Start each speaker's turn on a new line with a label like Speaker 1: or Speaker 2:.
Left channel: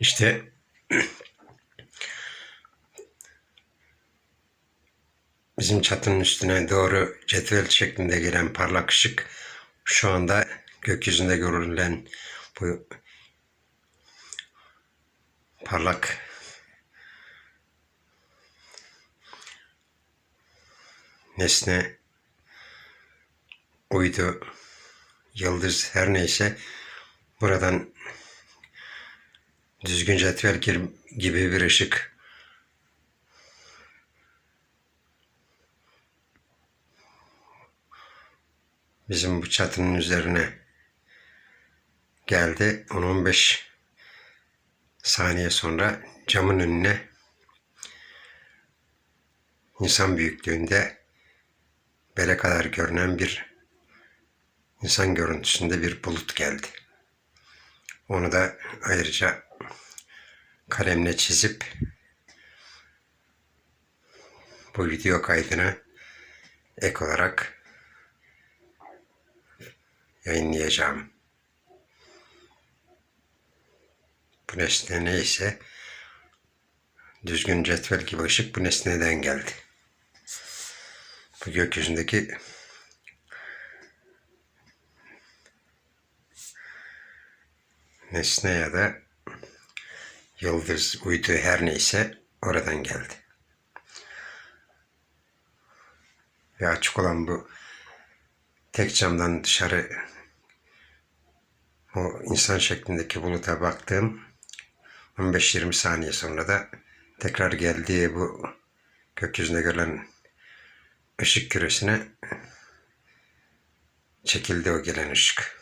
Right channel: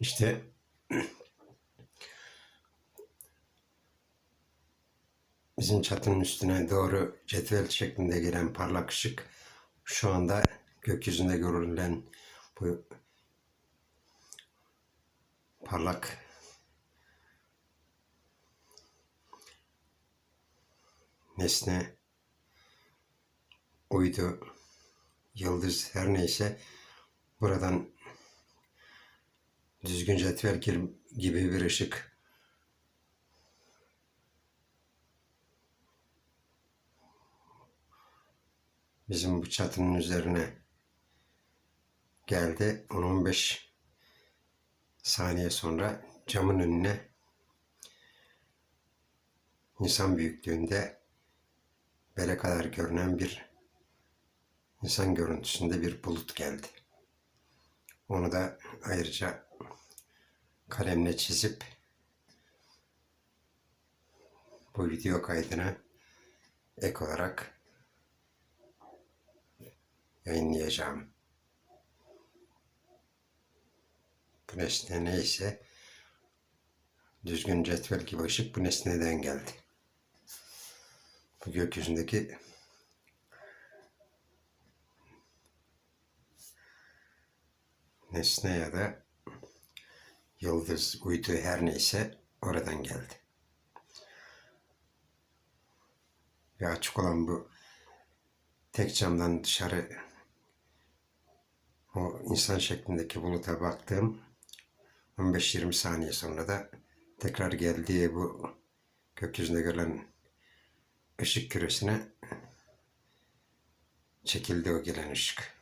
Speaker 1: İşte bizim çatının üstüne doğru cetvel şeklinde gelen parlak ışık şu anda gökyüzünde görülen bu parlak nesne uydu, yıldız her neyse buradan düzgün cetvel gibi bir ışık bizim bu çatının üzerine geldi. 10-15 saniye sonra camın önüne insan büyüklüğünde bele kadar görünen bir insan görüntüsünde bir bulut geldi. Onu da ayrıca kalemle çizip bu video kaydına ek olarak yayınlayacağım. Bu nesne neyse düzgün cetvel gibi ışık bu nesneden geldi. Bu gökyüzündeki nesne ya da yıldız, uydu her neyse oradan geldi. Ve açık olan bu tek camdan dışarı o insan şeklindeki buluta baktığım 15-20 saniye sonra da tekrar geldiği bu gökyüzünde görülen ışık küresine çekildi o gelen ışık.